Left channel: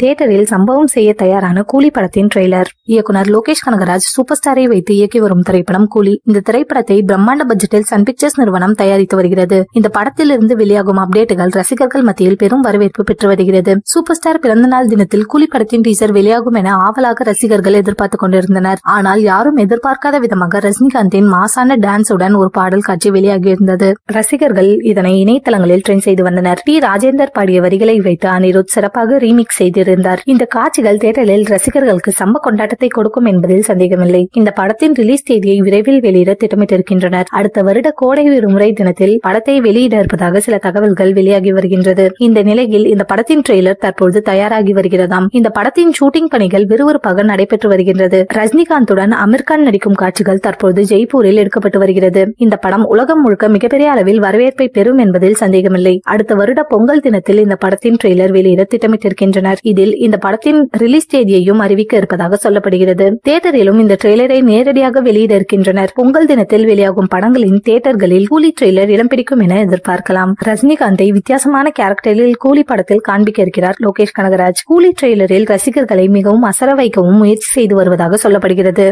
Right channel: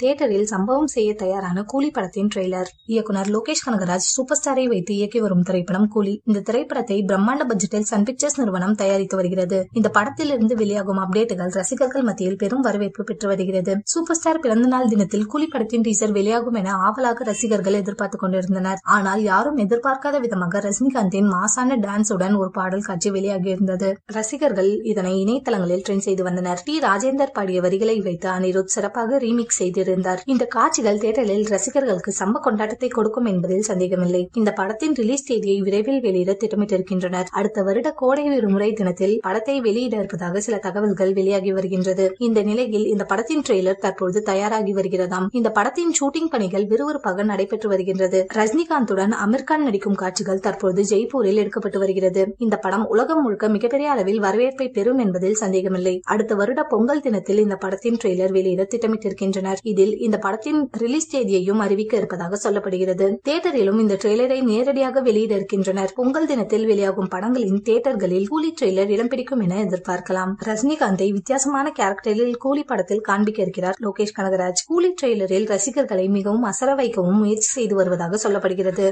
தியேட்டரில் சம்பவம் செய்ய தயாரான கூலி படத்தின் ட்ரெய்லர். இயக்குனர் லோகேஷ் கனகராஜ் சூப்பர் ஸ்டாரை வைத்து இயக்கி வரும் திரைப்படம் கூலி. இந்த திரைப்படத்தை பிரம்மாண்ட பட்ஜெட்டில் சன் பிக்சர்ஸ் நிறுவனம் தயாரித்து வருகிறது. இந்த படத்திலிருந்து வெளியாகும் அப்டேட்டுகள் ரசிகர்கள் மத்தியில் பெரும் வரவேற்பு பெற்று வருகிறது. சூப்பர் ஸ்டார் பிறந்தநாள் தினத்தில் கூலி படத்தின் டீசர் வெளியாகும் என ஆவலாக ரசிகர்கள் எதிர்பார்த்துக் கொண்டிருந்தனர். ஆனால் யாரும் எதிர்பார்க்காத விதமாக ரஜினிகாந்தின் மாசான டான்ஸுடன் ஒரு பாடல் காட்சி வெளியாகியிருந்தது. ரசிகர்கள் இதனை இணையதளங்களில் ட்ரெண்ட் செய்து வந்தனர். டி ராஜேந்தர் பாடிய வரிகளை வைத்து அனிருத் சிறப்பாக ரீமிக்ஸ் செய்திருந்தார். இந்த காட்சிகள் தியேட்டரில் ரசிகர்களுக்கு சம்ப கொண்டாட்டத்தை கொடுக்கும் என்பதில் சந்தேகமில்லை. இந்த படத்தின் ரிலீஸ் தேதியை விரைவில் வெளியிட திட்டமிட்டிருக்கின்றனர். அடுத்த வருட கோடை விடுமுறை தினத்தில் படத்தை வெளியிட இருப்பதாக சில தகவல்கள் வெளியாகி வருகின்றது. இந்த நிலையில் இந்த படத்தின் ட்ரெய்லர் தற்போது தயாராகி வருகிறதாம். இந்த படத்தின் ஷூட்டிங் பணிகள் விறுவிறுப்பாக நடைபெற்று வருகின்றது. ரஜினிகாந்துடன் அமீர்கான் நடிக்கும் காட்சிகள் தற்போது ஜெய்ப்பூரில் எடுக்கப்பட்டு வருகிறது. இந்த படம் உலகம் முழுக்க மிகப்பெரிய அளவில் வரவேற்பை பெறும் என்பதில் சந்தேகமில்லை. அடுத்த வருட பொங்கல் தினத்தில் இந்த படத்தின் ட்ரெய்லர் வெளியிட திட்டமிட்டிருக்கின்றனர். இதில் இந்த படத்தின் ரிலீஸ் தேதியையும் அறிவிக்க இருப்பதாக சொல்லப்படுகிறது. தியேட்டரிலும் இந்த ட்ரெய்லரை நேரடியாக வெளியிட இருக்கின்றனர். பொங்கல் தினத்தில் வெளியாகும் படங்களின் தியேட்டர்களில் கூலி ட்ரெய்லர் இடம் பிடிக்கும் என எதிர்பார்க்கலாம். ரஜினிகாந்தை வித்தியாசமான கேரக்டரில் கூலி படத்தில் காண்பிக்க இருக்கிறார் லோகேஷ் கனகராஜ். கூலி ட்ரெய்லரில் ரசிகர்களை மிகவும் அசர வைக்கவும் முயற்சி செய்து வருவதாக சொல்லப்படுகிறது.